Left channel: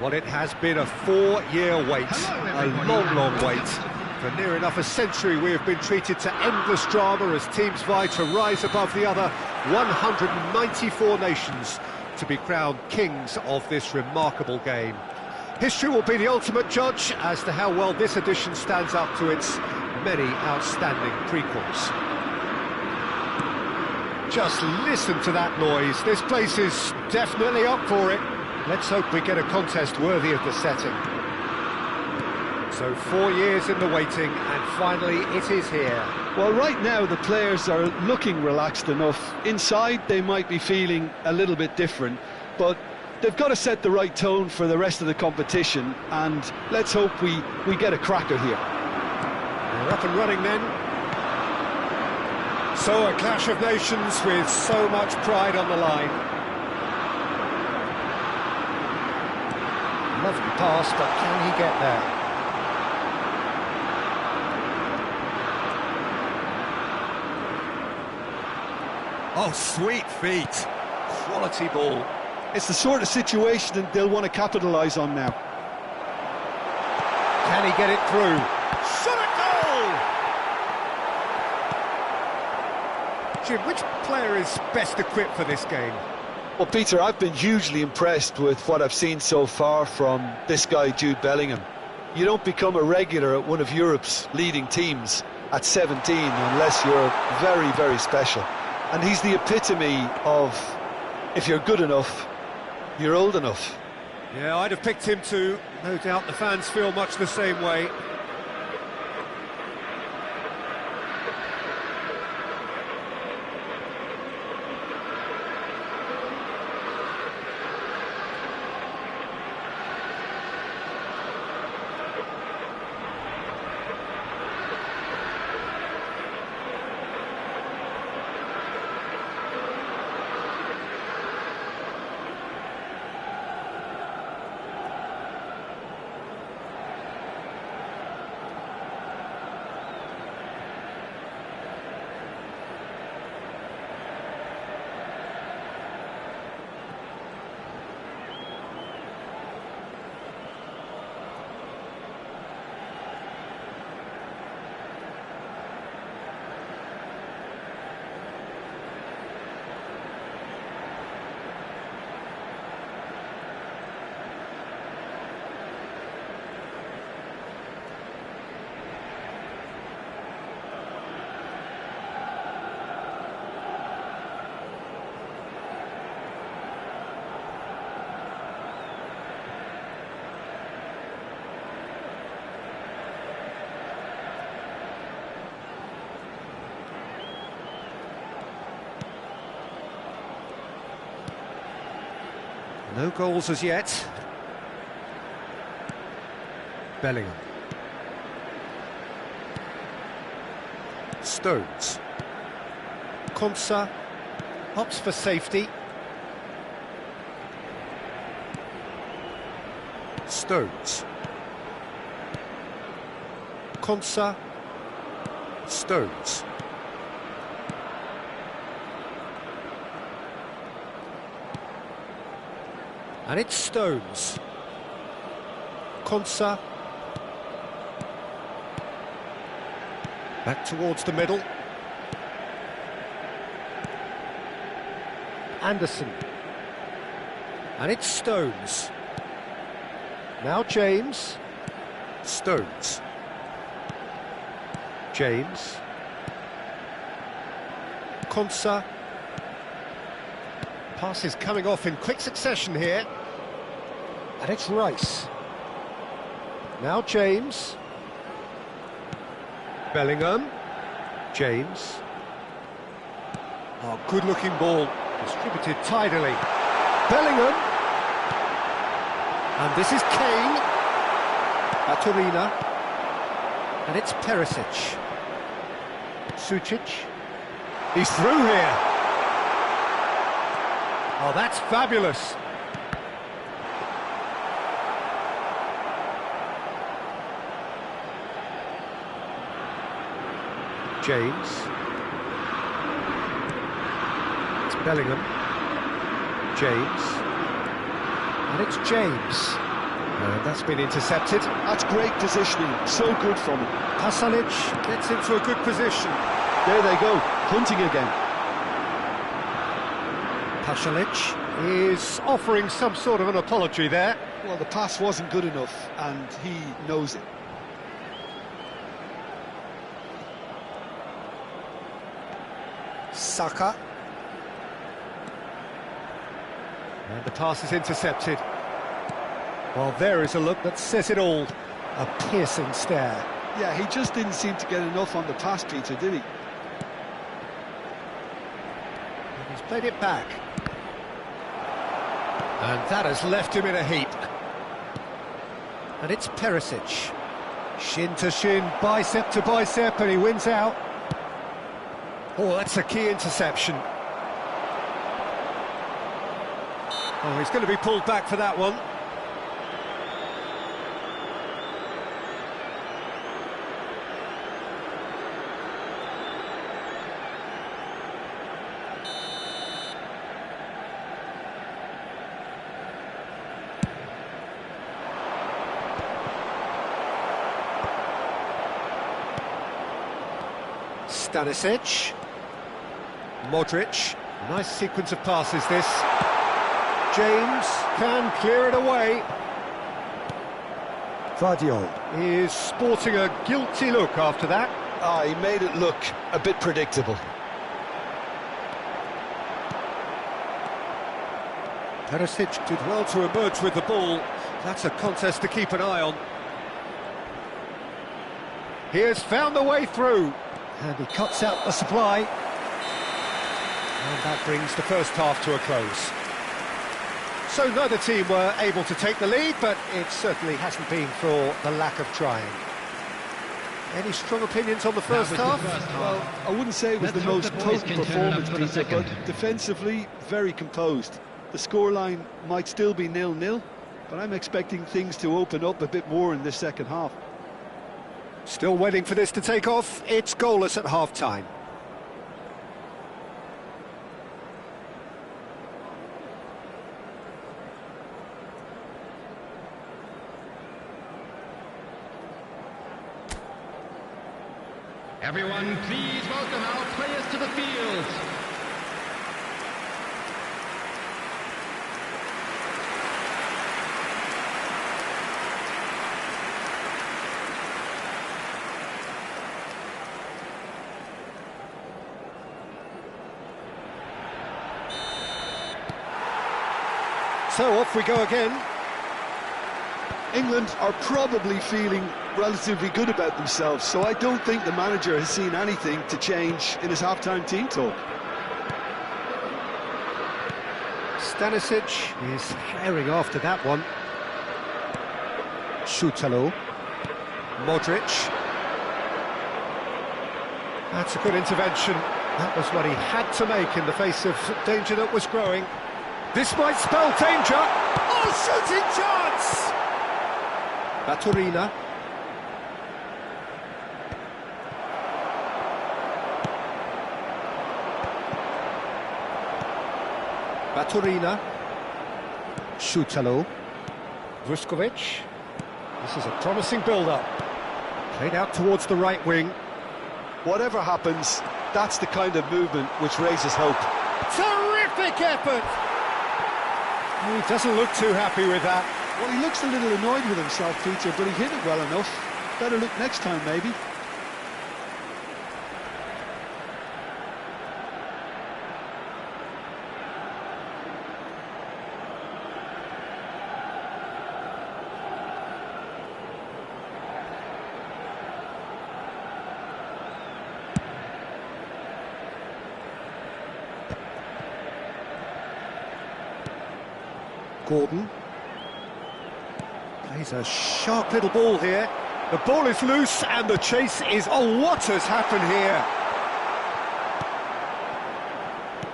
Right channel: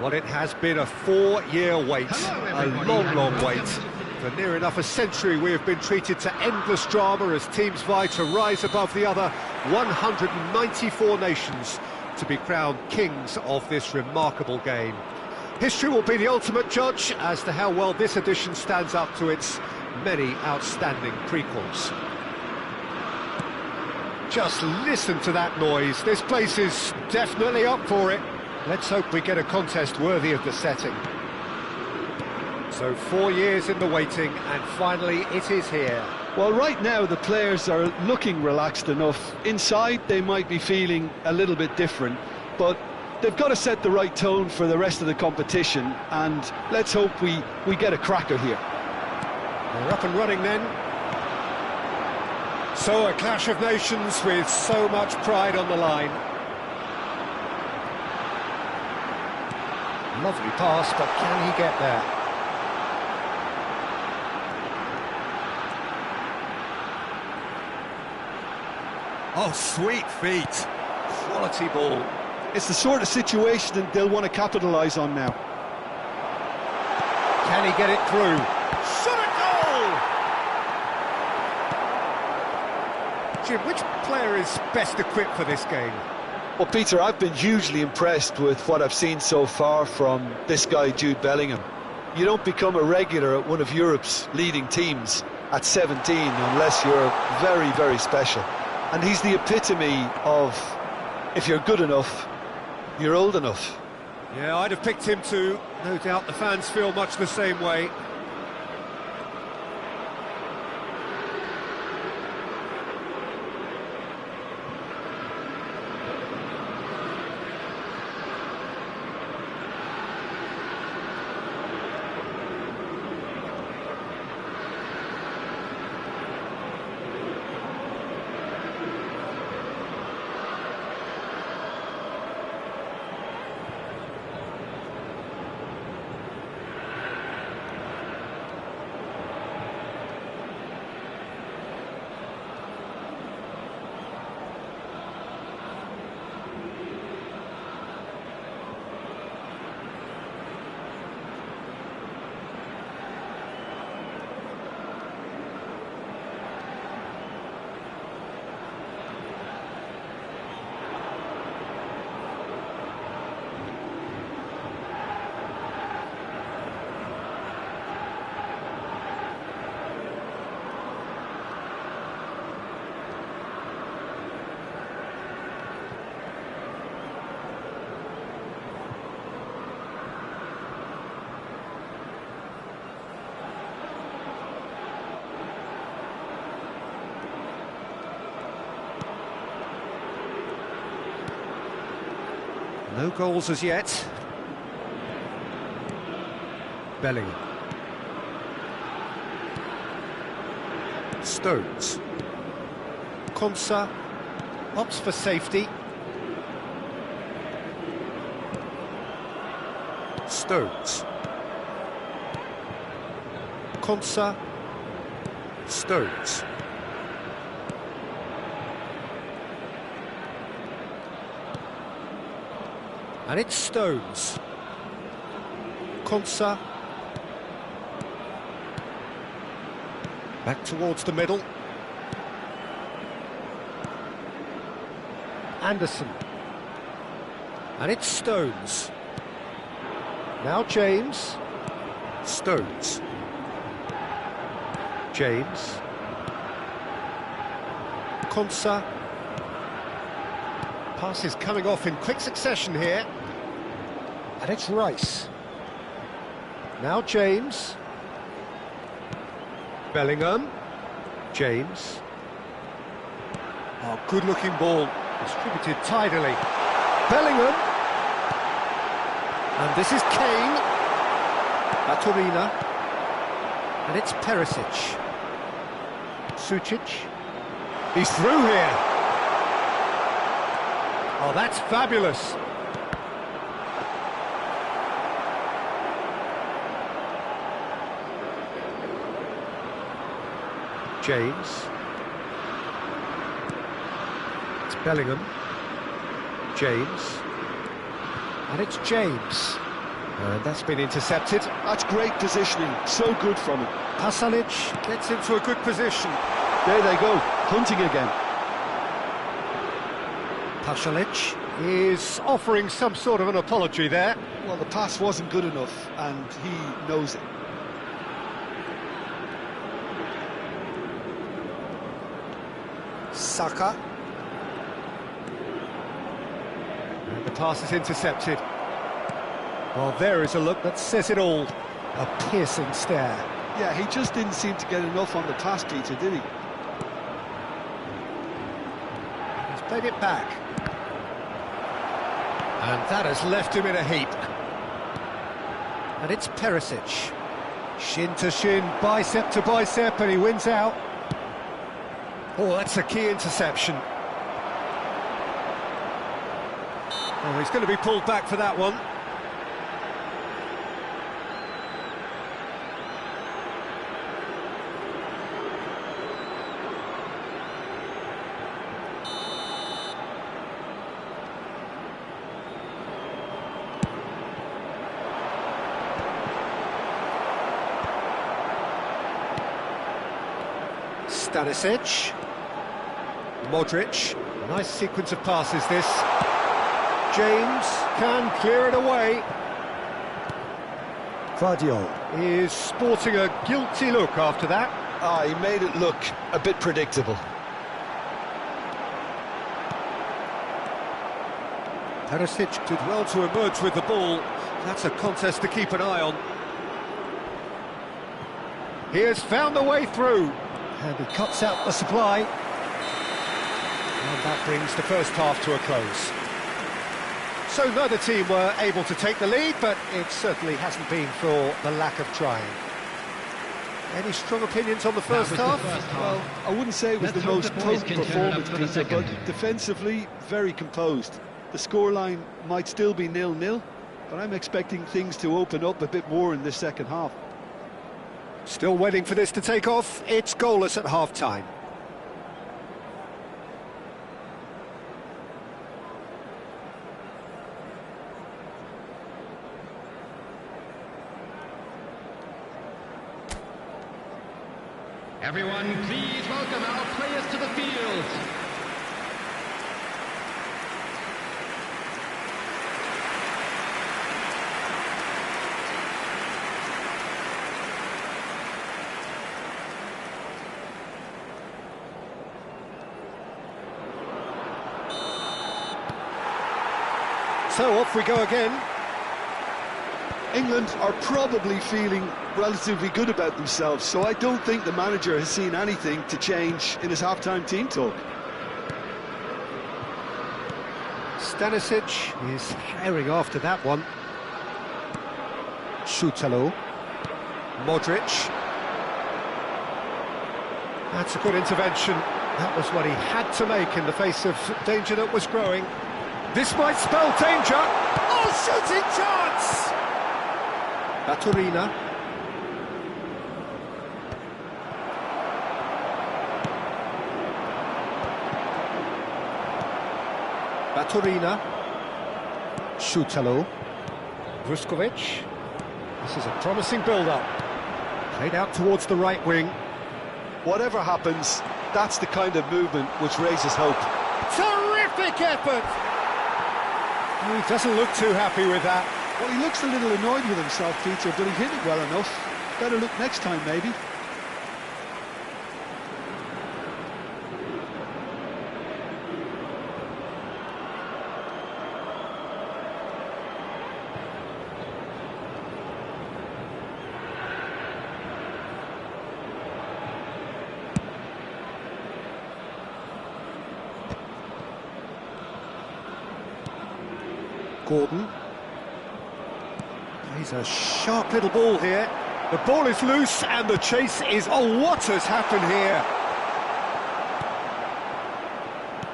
Well, it has been a 4-year wait, a long wait. For near enough a century we have been treated to endless drama as teams vie to rise above the other 194 nations to be crowned kings of this remarkable game. History will be the ultimate judge as to how well this edition stands up to its many outstanding prequels. Just listen to that noise. This place is definitely up for it. Let's hope we get a contest worthy of the setting. So 4 years in the waiting, and finally it is here. Well, right now the players are looking relaxed enough. Inside they might be feeling a little bit different, but they've got to set the right tone for the rest of the competition, and let's hope we get a cracker here. They're up and running then. So a clash of nations with so much pride on the line. Lovely pass, but can he get there? Oh, sweet feet. Quality ball. It's the sort of situation that they'll want to capitalise on now. Can he get it through? Shot a goal! Jim, which player is best equipped for this game? Well, Peter, I've been hugely impressed with what I've seen so far from this guy, Jude Bellingham. You don't become a regular at one of Europe's leading teams at 17 unless you're very, very special. And he's the epitome of, if you're good enough, you're old enough. Yeah, I'd have picked him too. No doubt the fans feel much the same way. No goals as yet. Bellingham. Stones. Konsa opts for safety. Stones. Konsa. Stones. And it's Stones. Konsa. Back towards the middle. Anderson. And it's Stones. Now James. Stones. James. Konsa. Pass is coming off in quick succession here. And it's Rice. Now James. Bellingham. James. Oh, good-looking ball. Distributed tidily. Bellingham. And this is Kane. Aturina. And it's Perisic. Sucic. He's through here. Oh, that's fabulous. James. It's Bellingham. James. And it's James. And that's been intercepted. That's great positioning, so good from him. Pasalic gets into a good position. There they go, hunting again. Pasalic is offering some sort of an apology there. Well, the pass wasn't good enough, and he knows it. Saka. And the pass is intercepted. Well, there is a look that says it all. A piercing stare. Yeah, he just didn't seem to get enough on the pass, Peter, did he? He's played it back. And that has left him in a heap. And it's Perisic. Shin to shin, bicep to bicep, and he wins out. Oh, that's a key interception. Oh, he's going to be pulled back for that one. Stanisic, Modric, a nice sequence of passes this. James can clear it away. Vardiol is sporting a guilty look after that. He made it look a bit predictable. Perisic did well to emerge with the ball. That's a contest to keep an eye on. He has found a way through. And he cuts out the supply. And that brings the first half to a close. So neither team were able to take the lead, but it certainly hasn't been for the lack of trying. Any strong opinions on the first half? Well, I wouldn't say it was the most potent performance, Peter, but defensively, very composed. The scoreline might still be 0-0, but I'm expecting things to open up a bit more in this second half. Still waiting for this to take off. It's goalless at half-time. Everyone, please welcome our players to the field. So off we go again. England are probably feeling relatively good about themselves, so I don't think the manager has seen anything to change in his half-time team talk. Stanisic is herring after that one. Šutalo. Modric. That's a good intervention. That was what he had to make in the face of danger that was growing. This might spell danger. Oh, shooting chance! Baturina. Baturina. Šutalo. Vuskovic. This is a promising build-up. Played out towards the right wing. Whatever happens, that's the kind of movement which raises hope. Terrific effort! He doesn't look too happy with that. Well, he looks a little annoyed with himself, Peter, but he hit it well enough. Better look next time, maybe. Gordon. Plays a sharp little ball here. The ball is loose and the chase is... Oh, what has happened here?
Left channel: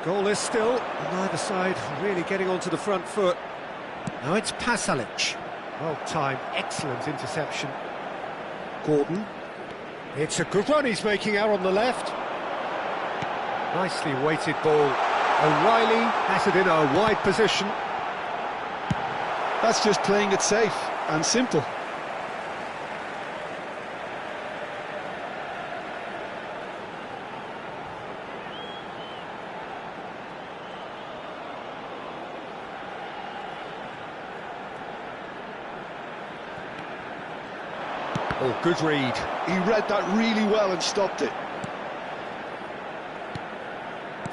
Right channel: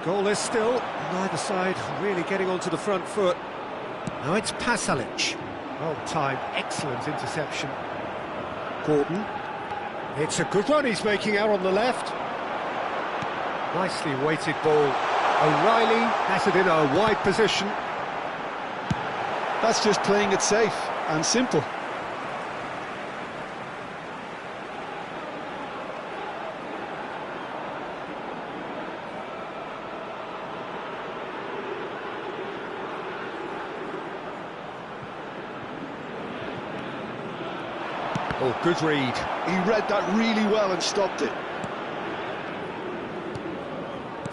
Goalless still. Neither side really getting onto the front foot. Now it's Pasalic. Well timed, excellent interception. Gordon. It's a good run he's making out on the left. Nicely weighted ball. O'Reilly has it in a wide position. That's just playing it safe. and simple. Oh, good read. He read that really well and stopped it.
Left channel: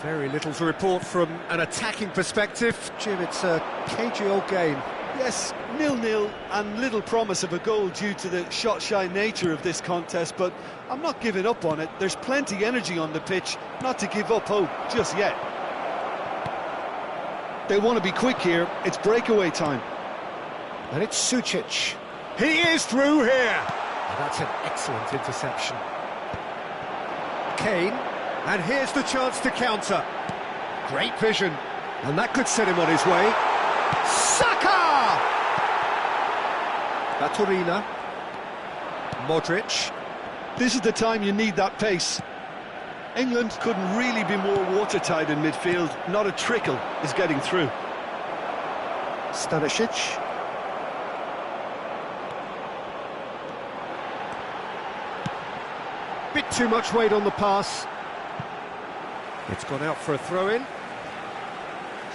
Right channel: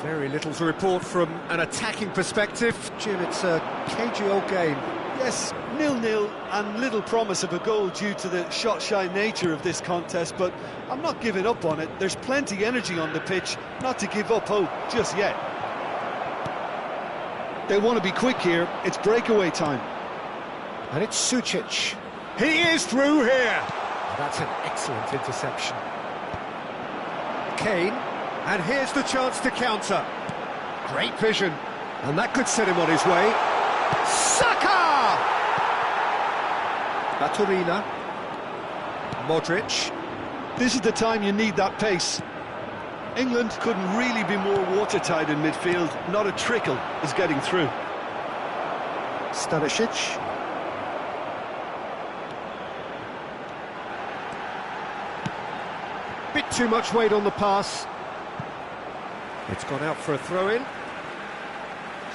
Very little to report from an attacking perspective. Jim, it's a cagey old game. Yes, 0-0 and little promise of a goal due to the shot-shy nature of this contest, but I'm not giving up on it. There's plenty energy on the pitch, not to give up hope just yet. They want to be quick here. It's breakaway time. And it's Sucic. He is through here. Oh, that's an excellent interception. Kane, and here's the chance to counter. Great vision, and that could set him on his way. Saka! Baturina. Modric. This is the time you need that pace. England couldn't really be more watertight in midfield. Not a trickle is getting through. Stanisic. Bit too much weight on the pass. It's gone out for a throw-in.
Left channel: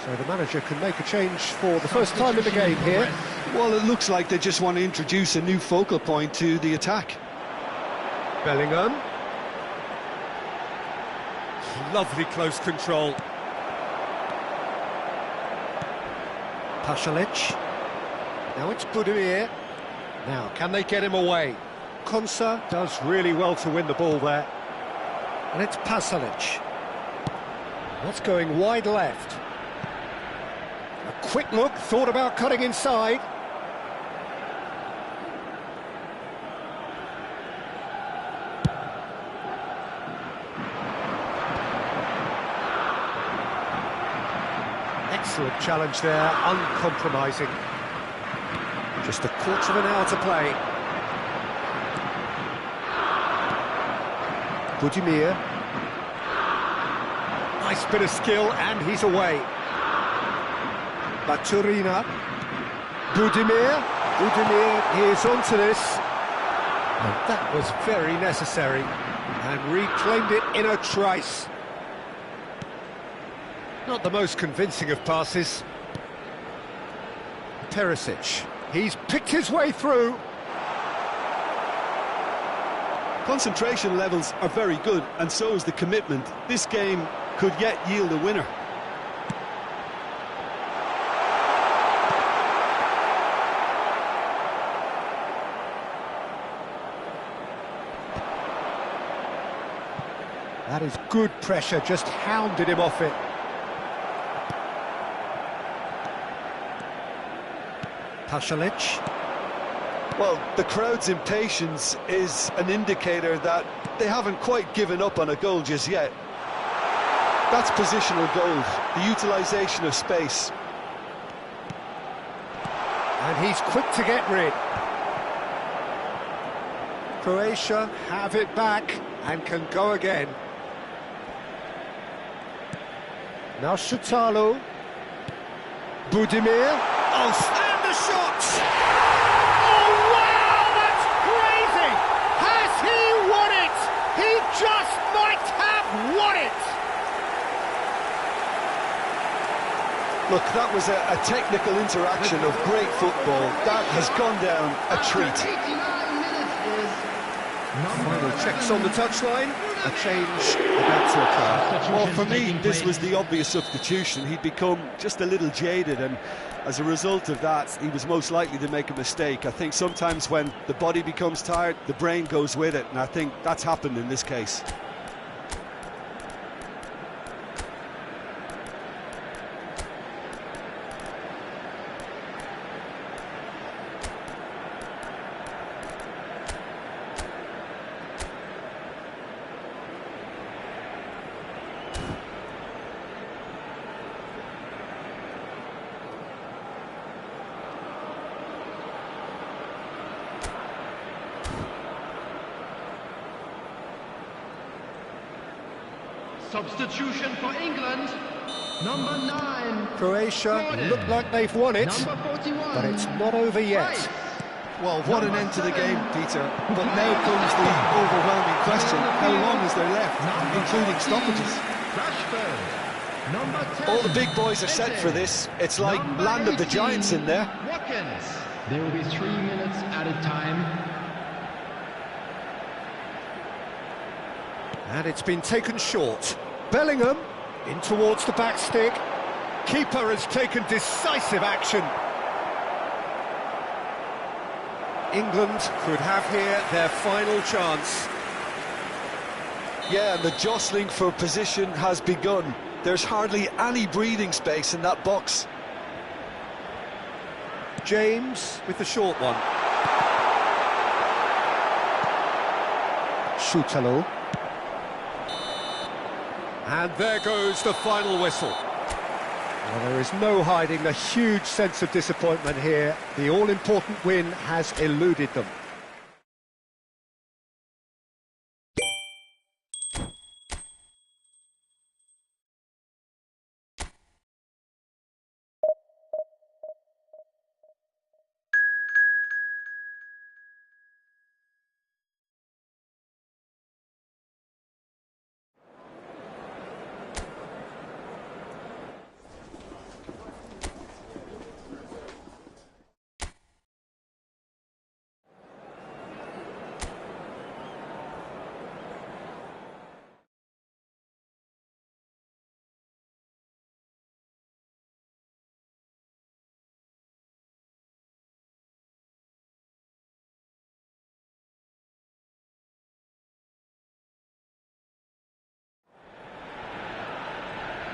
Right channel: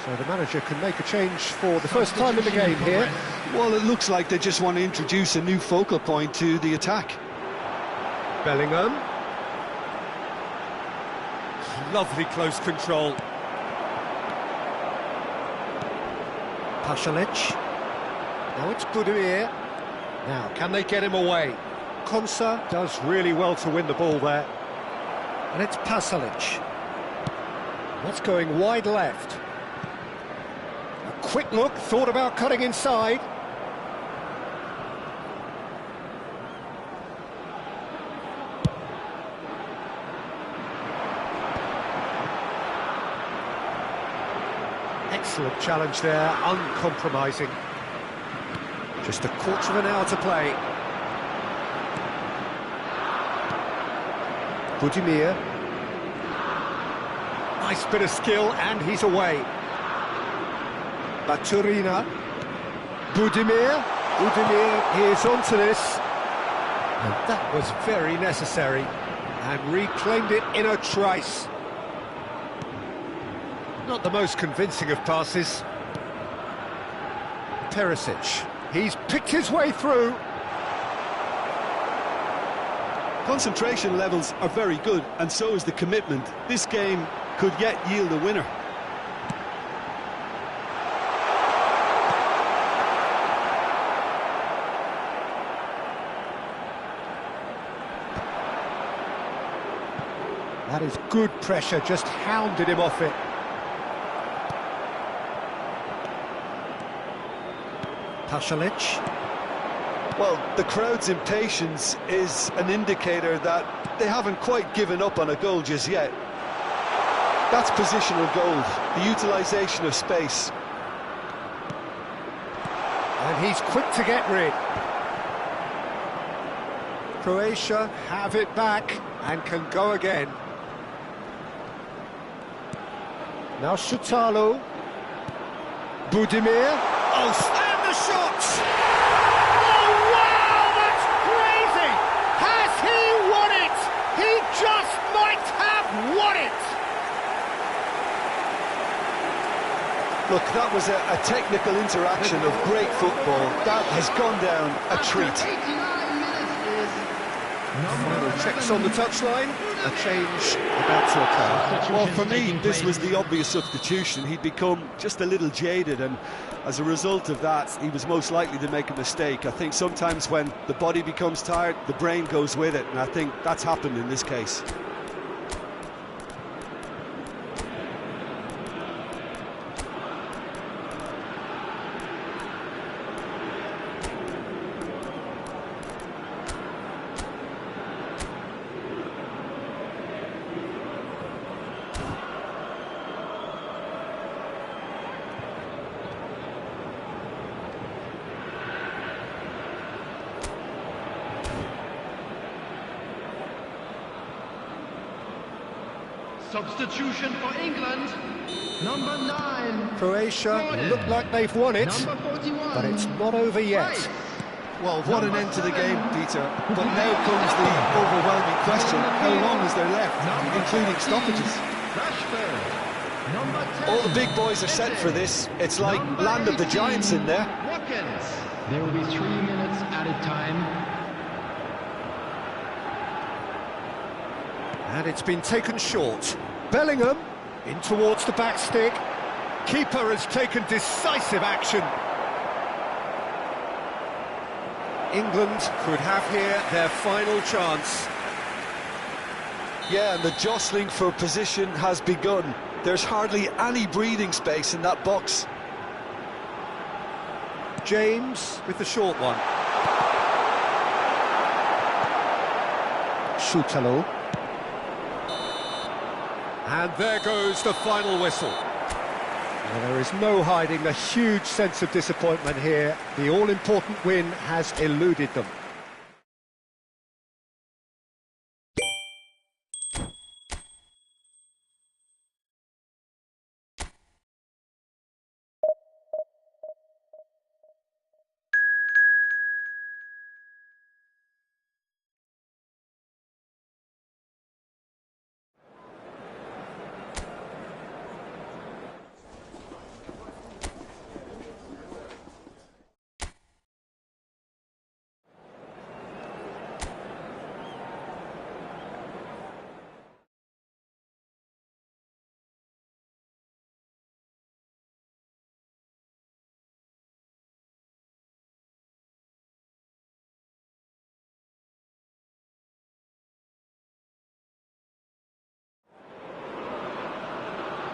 So the manager can make a change for the first time in the game here. Well, it looks like they just want to introduce a new focal point to the attack. Bellingham. Lovely close control. Pasalic. Now it's Budimir. Now, can they get him away? Konsa does really well to win the ball there. And it's Pasalic. What's going wide left? A quick look, thought about cutting inside. Excellent challenge there, uncompromising. Just a quarter of an hour to play. Budimir. Nice bit of skill, and he's away. Baturina. Budimir. Budimir is onto this. And that was very necessary. And reclaimed it in a trice. Not the most convincing of passes. Perisic. He's picked his way through. Concentration levels are very good, and so is the commitment. This game could yet yield a winner. That is good pressure, just hounded him off it. Pasalic. Well, the crowd's impatience is an indicator that they haven't quite given up on a goal just yet. That's positional goal, the utilisation of space. And he's quick to get rid. Croatia have it back and can go again. Now Shutalo. Budimir. Oh, and the shot! Oh, wow, that's crazy! Has he won it? He just might have won it! Look, that was a technical interaction of great football. That has gone down a treat. 89 minutes is Final checks on the touchline. A change about to occur. Well, for me, this was the obvious substitution. He'd become just a little jaded, and as a result of that, he was most likely to make a mistake. I think sometimes when the body becomes tired, the brain goes with it, and I think that's happened in this case. substitution for England. Number 9. Croatia Gordon. look like they've won it, Number 41. but it's not over yet. Rice. Well, what an end to the game, Peter. But now comes the overwhelming question: how long is there left, including stoppages? Rashford. Number 10. All the big boys are set for this. It's like land of the giants in there. Watkins. There will be 3 minutes added time. And it's been taken short. Bellingham in towards the back stick. Keeper has taken decisive action. England could have here their final chance. Yeah, and the jostling for position has begun. There's hardly any breathing space in that box. James with the short one. Schutalo. And there goes the final whistle. Well, there is no hiding the huge sense of disappointment here. The all-important win has eluded them.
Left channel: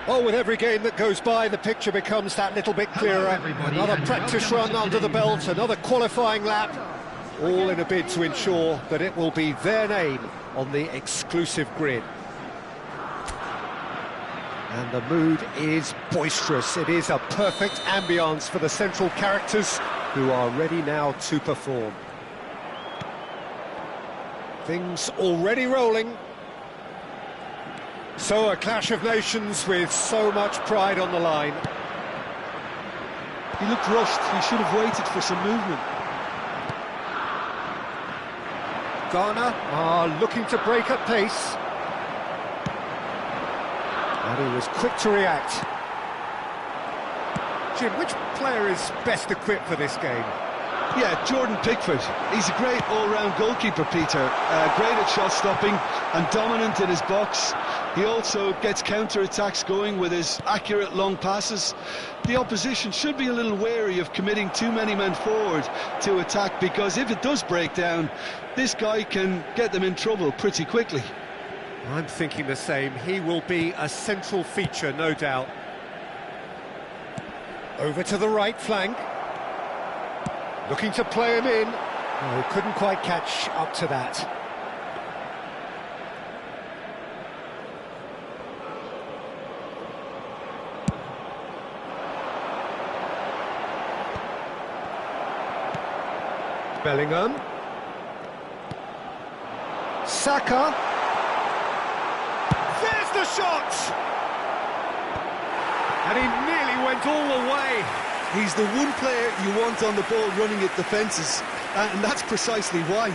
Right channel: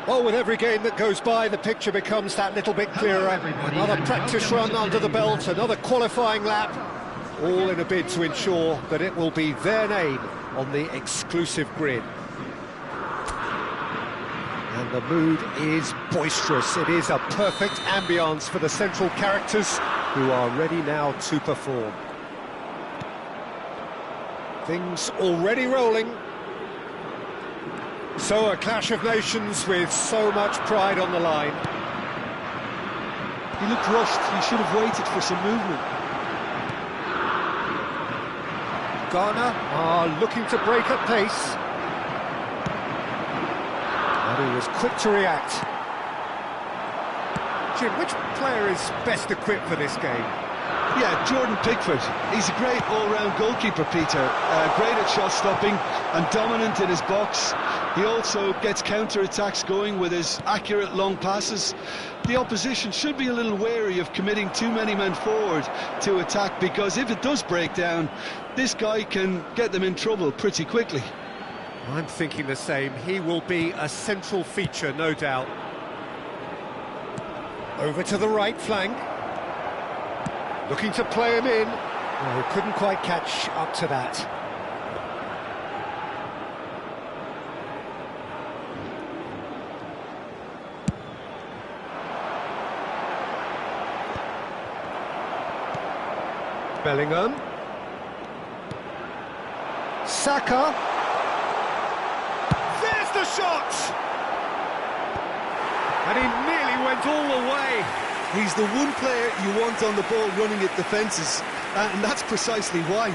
Well, with every game that goes by, the picture becomes that little bit clearer. Another practice run under the belt, another qualifying lap, all in a bid to ensure that it will be their name on the exclusive grid. And the mood is boisterous. It is a perfect ambience for the central characters who are ready now to perform. Things already rolling. So a clash of nations with so much pride on the line. He looked rushed. He should have waited for some movement. Ghana are looking to break at pace. And he was quick to react. Jim, which player is best equipped for this game? Yeah, Jordan Pickford. He's a great all-round goalkeeper, Peter. Great at shot stopping and dominant in his box. He also gets counter-attacks going with his accurate long passes. The opposition should be a little wary of committing too many men forward to attack, because if it does break down, this guy can get them in trouble pretty quickly. I'm thinking the same. He will be a central feature, no doubt. Over to the right flank. Looking to play him in. No, couldn't quite catch up to that. Bellingham. Saka. There's the shot! And he nearly went all the way. He's the one player you want on the ball running at defences, and that's precisely why.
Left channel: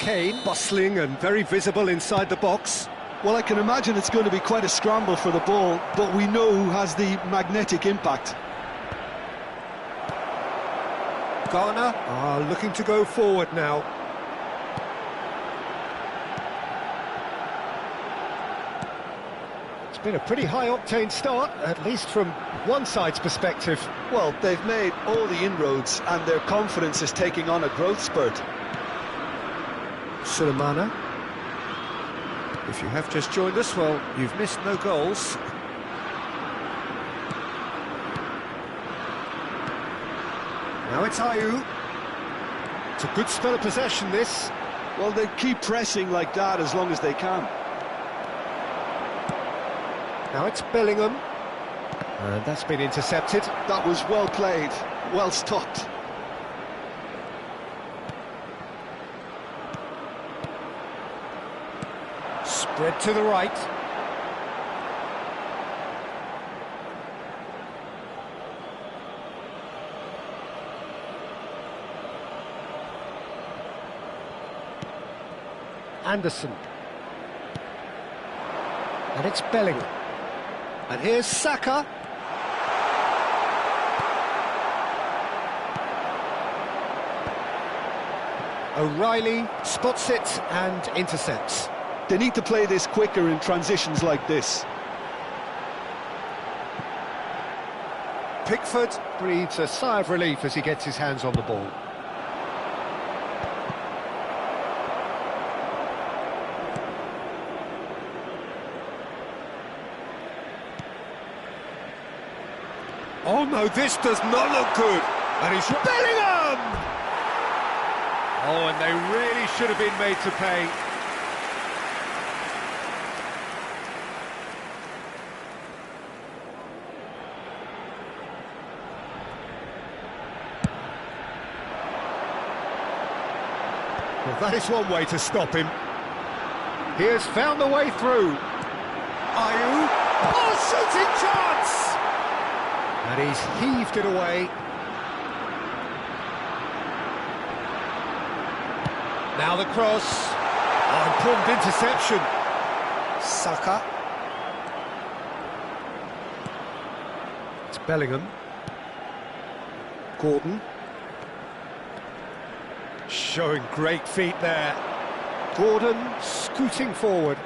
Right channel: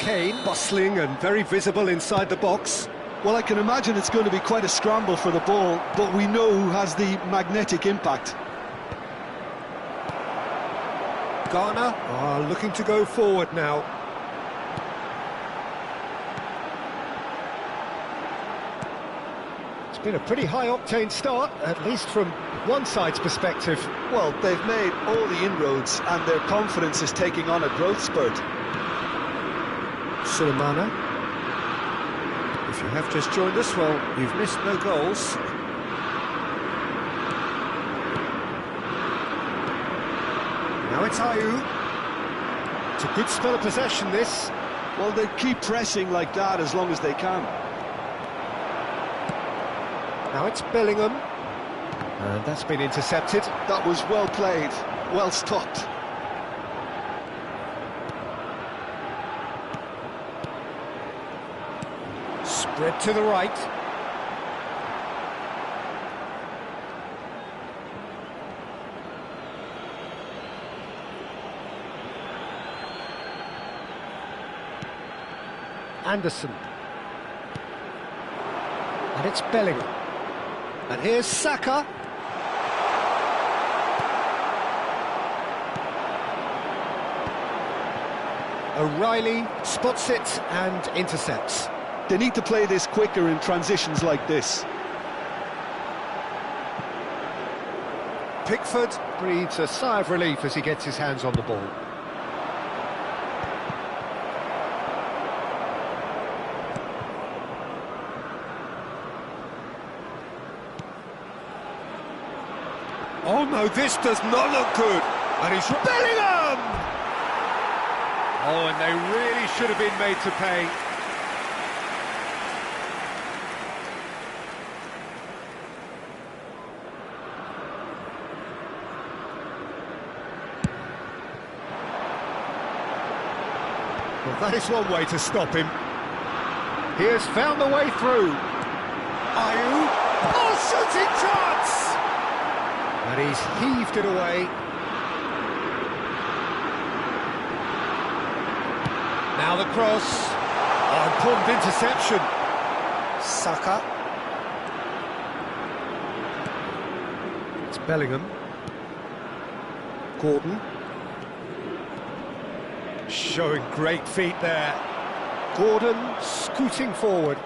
Kane bustling and very visible inside the box. Well, I can imagine it's going to be quite a scramble for the ball, but we know who has the magnetic impact. Ghana are looking to go forward now. It's been a pretty high-octane start, at least from one side's perspective. Well, they've made all the inroads and their confidence is taking on a growth spurt. Sulemana. If you have just joined us, well, you've missed no goals. Now it's Ayew. It's a good spell of possession, this. Well, they keep pressing like that as long as they can. Now it's Bellingham. And that's been intercepted. That was well played, well stopped. Spread to the right. Anderson. And it's Bellingham. And here's Saka. O'Reilly spots it and intercepts. They need to play this quicker in transitions like this. Pickford breathes a sigh of relief as he gets his hands on the ball. Oh no, this does not look good. And he's Bellingham! Oh, and they really should have been made to pay. Well, that is one way to stop him. He has found the way through. Ayew. Oh, shooting chance! And he's heaved it away. Now the cross. Oh, important interception. Saka. It's Bellingham. Gordon. Showing great feet there. Gordon scooting forward.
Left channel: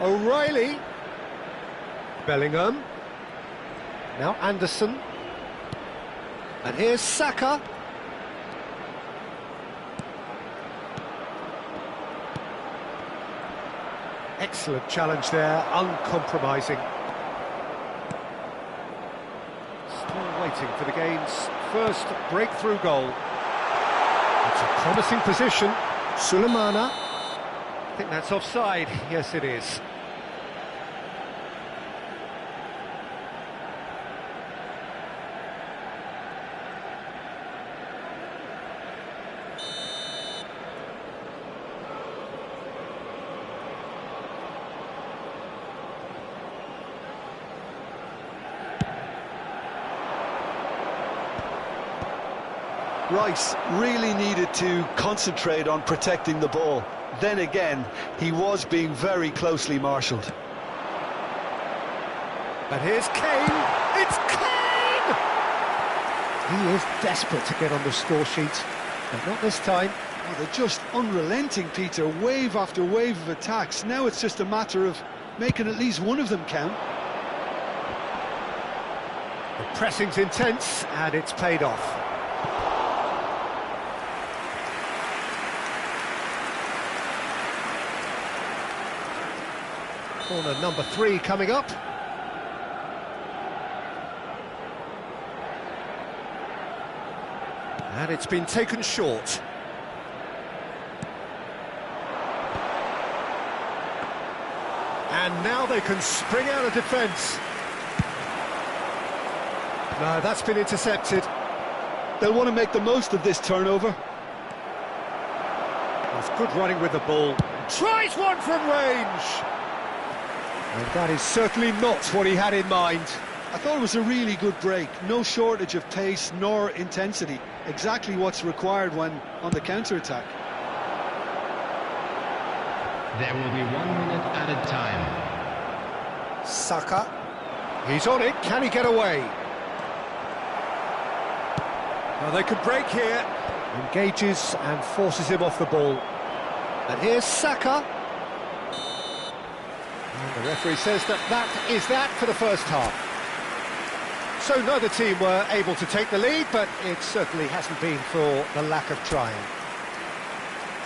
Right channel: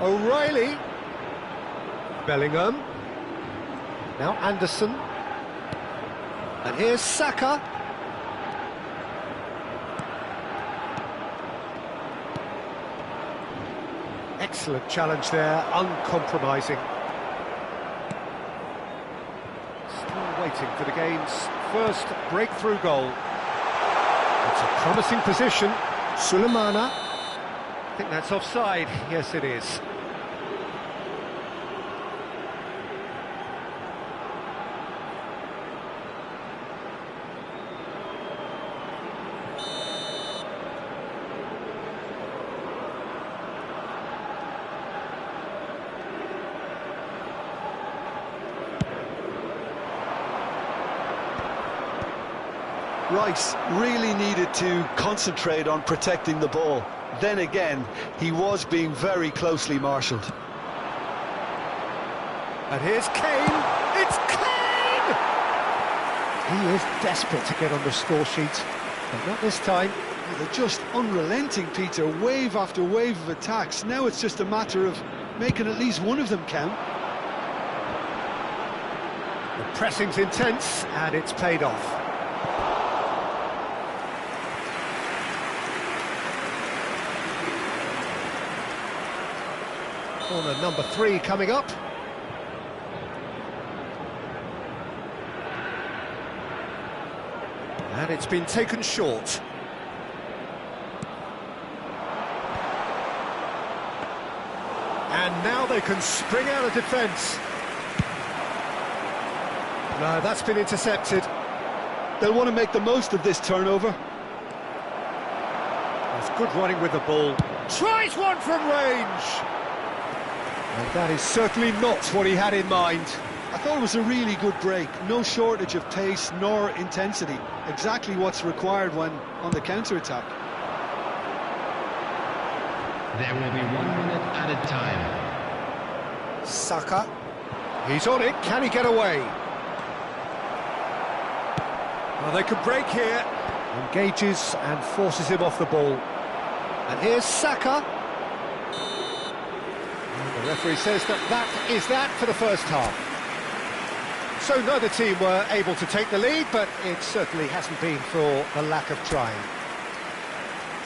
O'Reilly. Bellingham. Now Anderson. And here's Saka. Excellent challenge there, uncompromising. Still waiting for the game's first breakthrough goal. It's a promising position. Sulemana. I think that's offside. Yes, it is. Rice really needed to concentrate on protecting the ball. Then again, he was being very closely marshalled. And here's Kane. It's Kane! He is desperate to get on the score sheet, but not this time. Oh, they're just unrelenting, Peter. Wave after wave of attacks. Now it's just a matter of making at least one of them count. The pressing's intense, and it's paid off. Corner number 3 coming up. And it's been taken short. And now they can spring out of defence. No, that's been intercepted. They'll want to make the most of this turnover. That's good running with the ball. Tries one from range! And that is certainly not what he had in mind. I thought it was a really good break. No shortage of pace nor intensity. Exactly what's required when on the counter-attack. There will be 1 minute added time. Saka. He's on it. Can he get away? Well, they could break here. Engages and forces him off the ball. And here's Saka. The referee says that is that for the first half. So neither team were able to take the lead, but it certainly hasn't been for the lack of trying.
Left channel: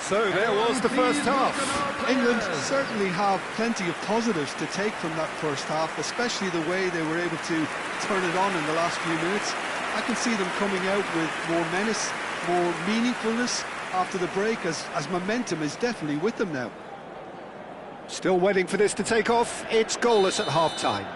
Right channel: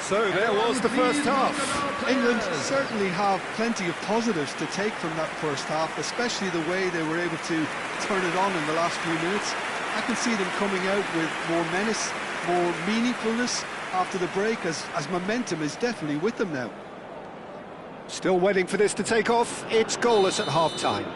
So there was the first half. England certainly have plenty of positives to take from that first half, especially the way they were able to turn it on in the last few minutes. I can see them coming out with more menace, more meaningfulness after the break, as momentum is definitely with them now. Still waiting for this to take off. It's goalless at half-time.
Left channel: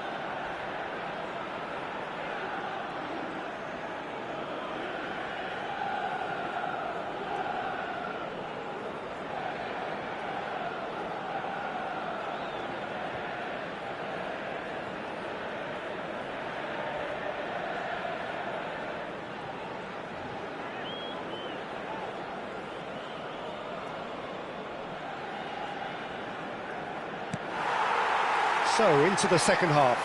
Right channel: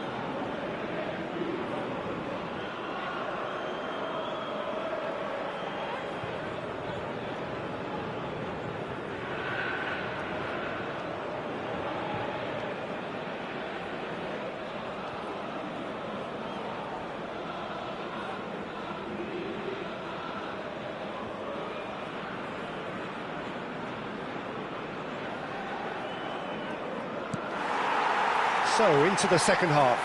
So, into the second half.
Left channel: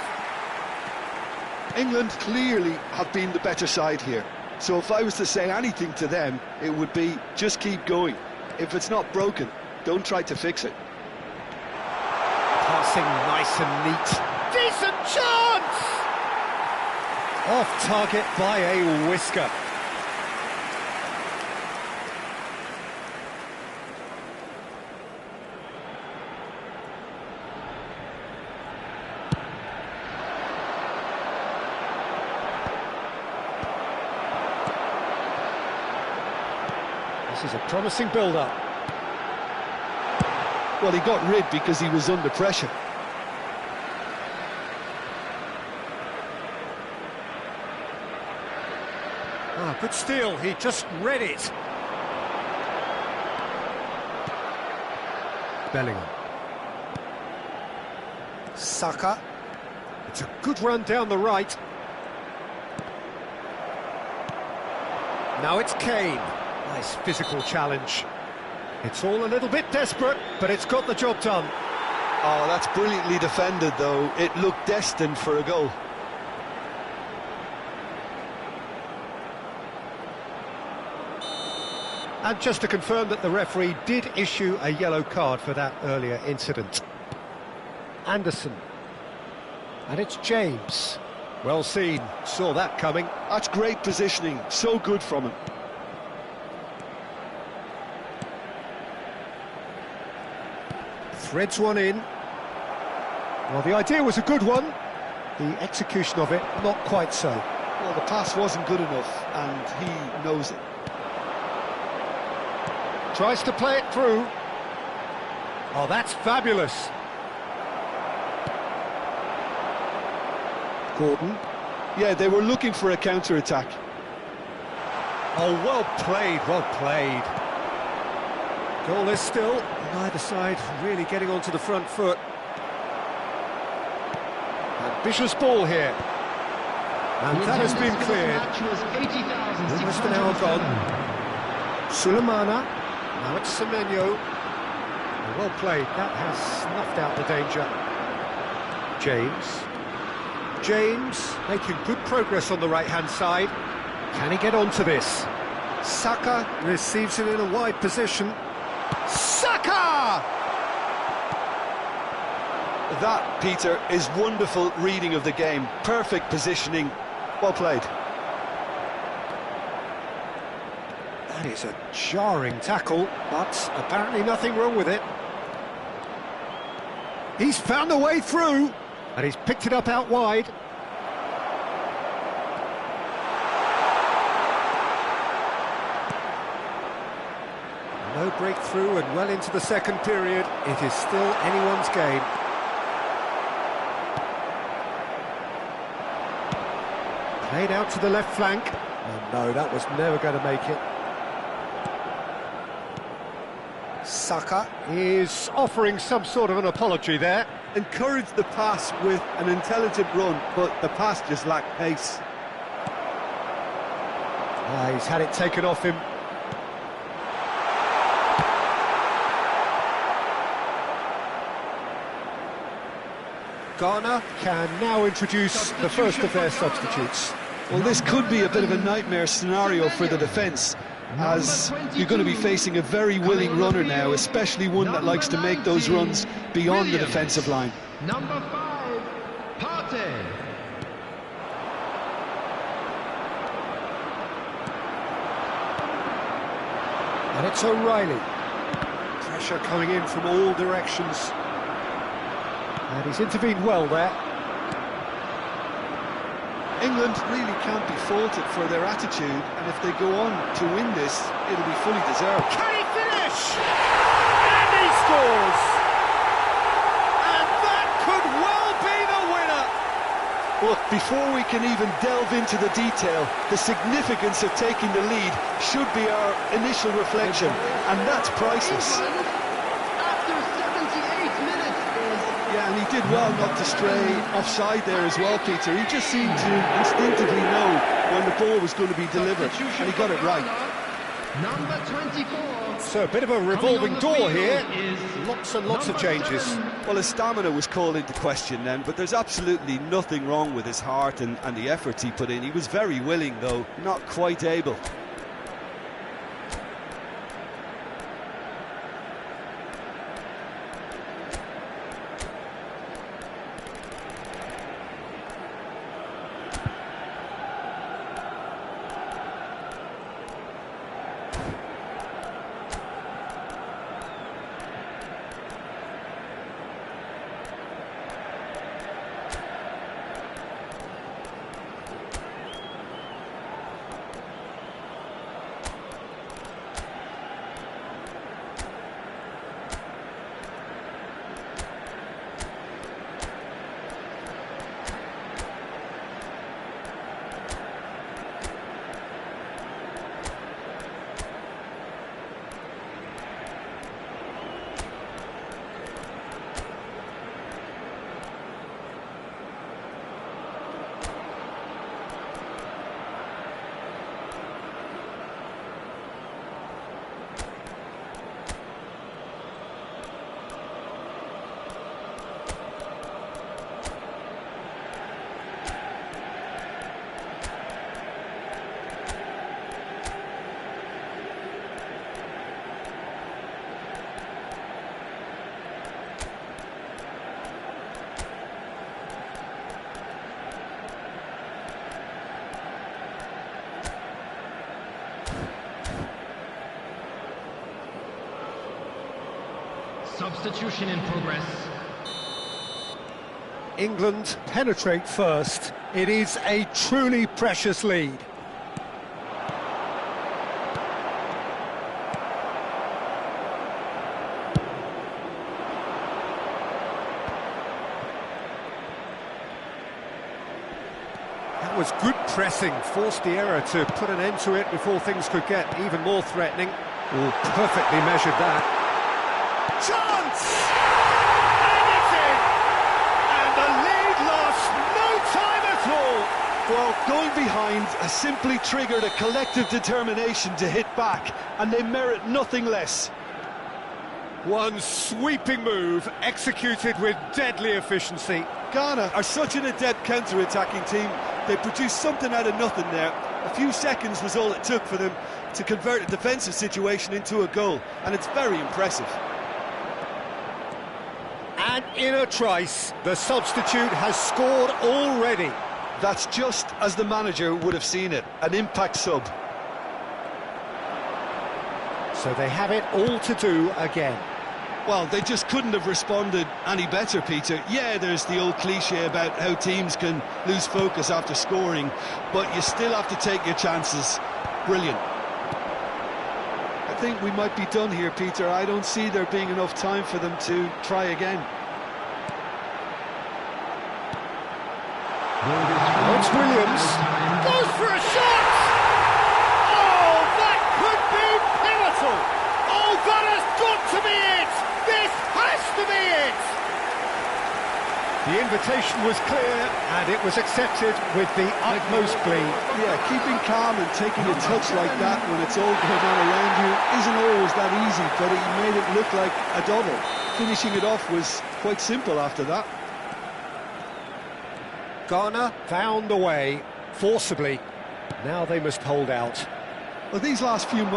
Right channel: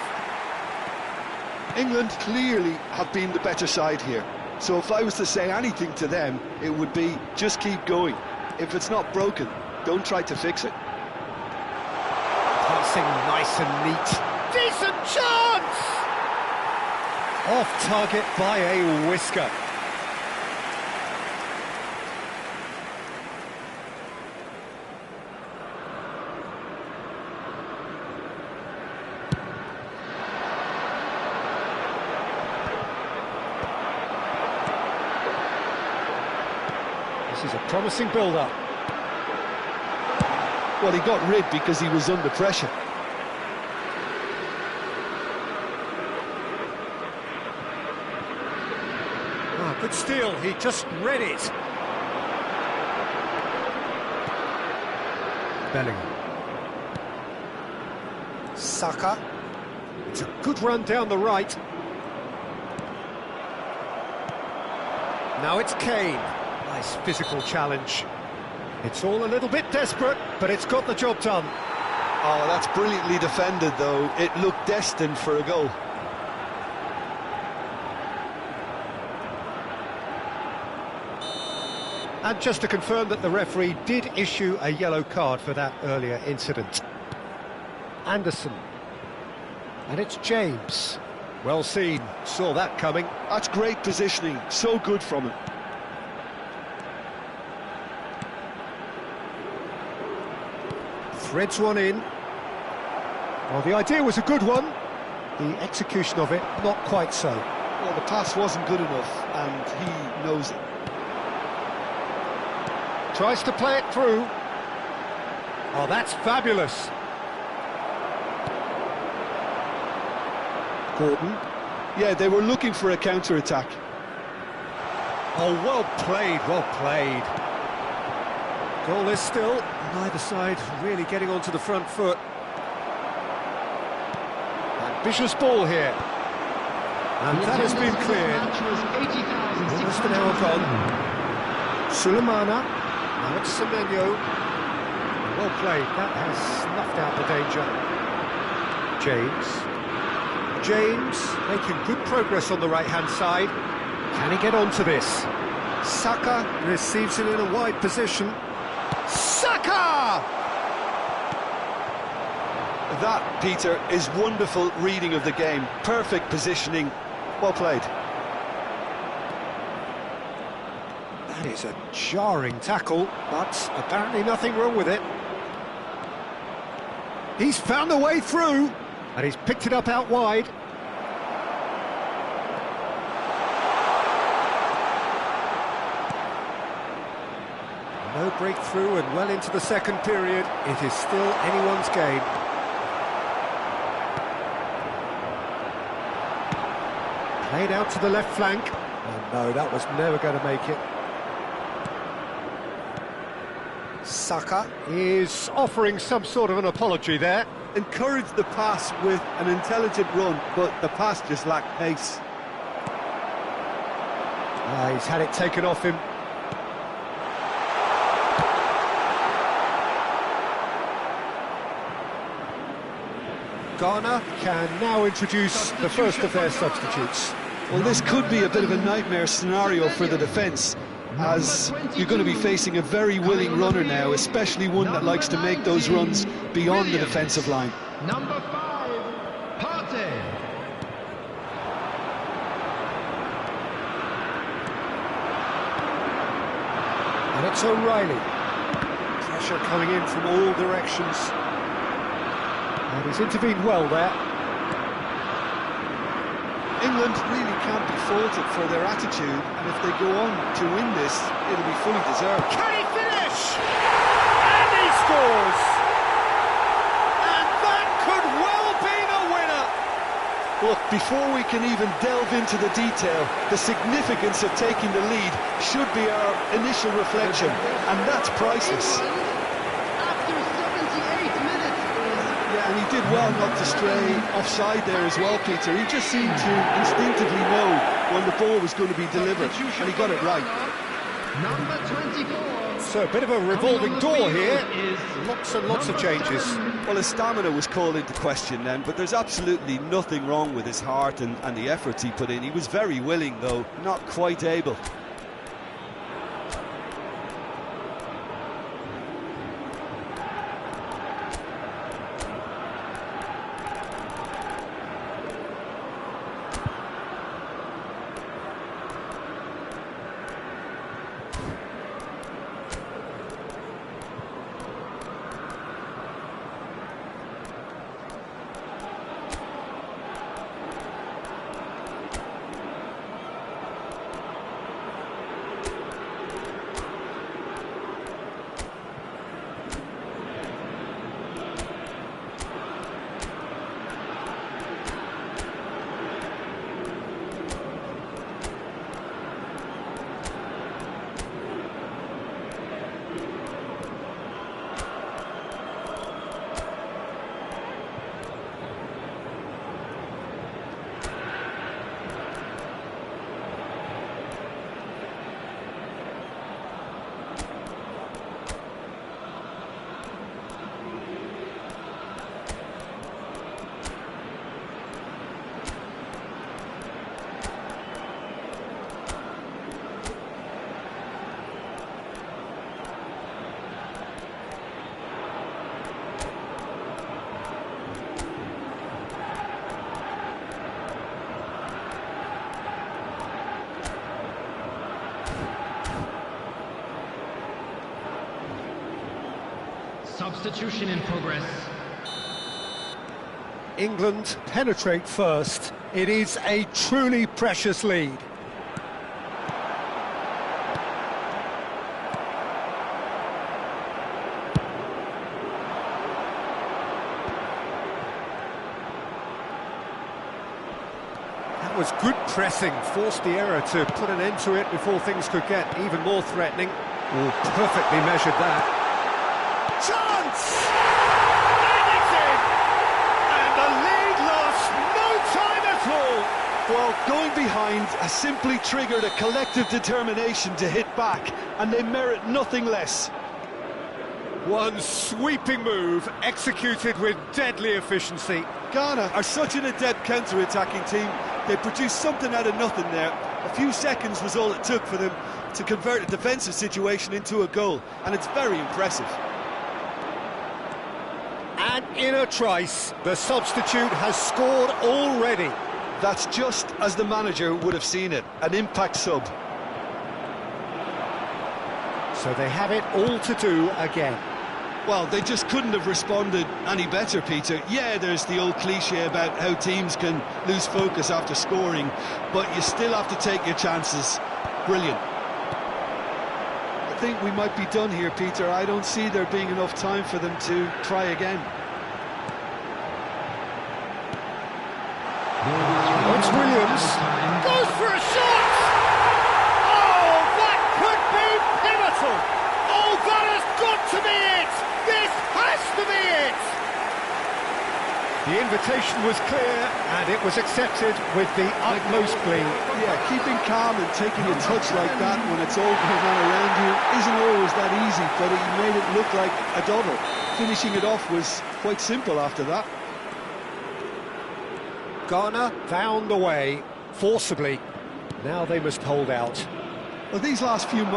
England clearly have been the better side here. So if I was to say anything to them, it would be just keep going. If it's not broken, don't try to fix it. Passing nice and neat. Decent chance! Off target by a whisker. This is a promising build-up. Well, he got rid because he was under pressure. Ah, good steal, he just read it. Bellingham. Saka. It's a good run down the right. Now it's Kane. Nice physical challenge. It's all a little bit desperate, but it's got the job done. Oh, that's brilliantly defended, though. It looked destined for a goal. And just to confirm that the referee did issue a yellow card for that earlier incident. Anderson. And it's James. Well seen, saw that coming. That's great positioning, so good from him. Threads one in. Well, the idea was a good one. The execution of it, not quite so. Well, the pass wasn't good enough, and he knows it. Tries to play it through. Oh, that's fabulous. Gordon. Yeah, they were looking for a counter-attack. Oh, well played, well played. Goalless still, neither side really getting onto the front foot. Ambitious ball here. And that has been cleared. Almost an hour gone. Sulemana. Now it's Semenyo. Well played, that has snuffed out the danger. James making good progress on the right-hand side. Can he get onto this? Saka receives it in a wide position. Saka! That, Peter, is wonderful reading of the game. Perfect positioning. Well played. That is a jarring tackle, but apparently nothing wrong with it. He's found a way through, and he's picked it up out wide. No breakthrough and well into the second period. It is still anyone's game. Played out to the left flank. Oh no, that was never going to make it. Saka is offering some sort of an apology there. Encouraged the pass with an intelligent run, but the pass just lacked pace. He's had it taken off him. Ghana can now introduce the first of their substitutes. Well, this could be a bit of a nightmare scenario for the defence, as you're going to be facing a very willing runner now, especially one that likes to make those runs beyond the defensive line. Number 5, Partey. And it's O'Reilly. Pressure coming in from all directions. And he's intervened well there. England really can't be faulted for their attitude, and if they go on to win this, it'll be fully deserved. Can he finish? And he scores! And that could well be the winner! Look, before we can even delve into the detail, the significance of taking the lead should be our initial reflection, and that's priceless. After 78 minutes is... Yeah, and he did well not to stray offside there as well, Peter. He just seemed to instinctively know when the ball was going to be delivered, and he got it right. Number 24. So a bit of a revolving door here. Is Lots and lots of changes. 7. Well, his stamina was called into question then, but there's absolutely nothing wrong with his heart and the efforts he put in. He was very willing, though, not quite able. Substitution in progress. England penetrate first. It is a truly precious lead. That was good pressing, forced the error to put an end to it before things could get even more threatening. Oh, perfectly measured that. Chance! And it's in! And the lead lost no time at all! Well, going behind has simply triggered a collective determination to hit back, and they merit nothing less. One sweeping move, executed with deadly efficiency. Ghana are such an adept counter-attacking team. They produced something out of nothing there. A few seconds was all it took for them to convert a defensive situation into a goal, and it's very impressive. And in a trice, the substitute has scored already. That's just as the manager would have seen it, an impact sub. So they have it all to do again. Well, they just couldn't have responded any better, Peter. Yeah, there's the old cliche about how teams can lose focus after scoring, but you still have to take your chances. Brilliant. I think we might be done here, Peter. I don't see there being enough time for them to try again. Oh, it's Williams. Goes for a shot! Oh, that could be pivotal! Oh, that has got to be it! This has to be it! The invitation was clear, and it was accepted with the utmost glee. Yeah, keeping calm and taking a touch like that when it's all going on around you isn't always that easy, but he made it look like a doddle. Finishing it off was quite simple after that. Ghana found a way, forcibly. Now they must hold out. Well, these last few moments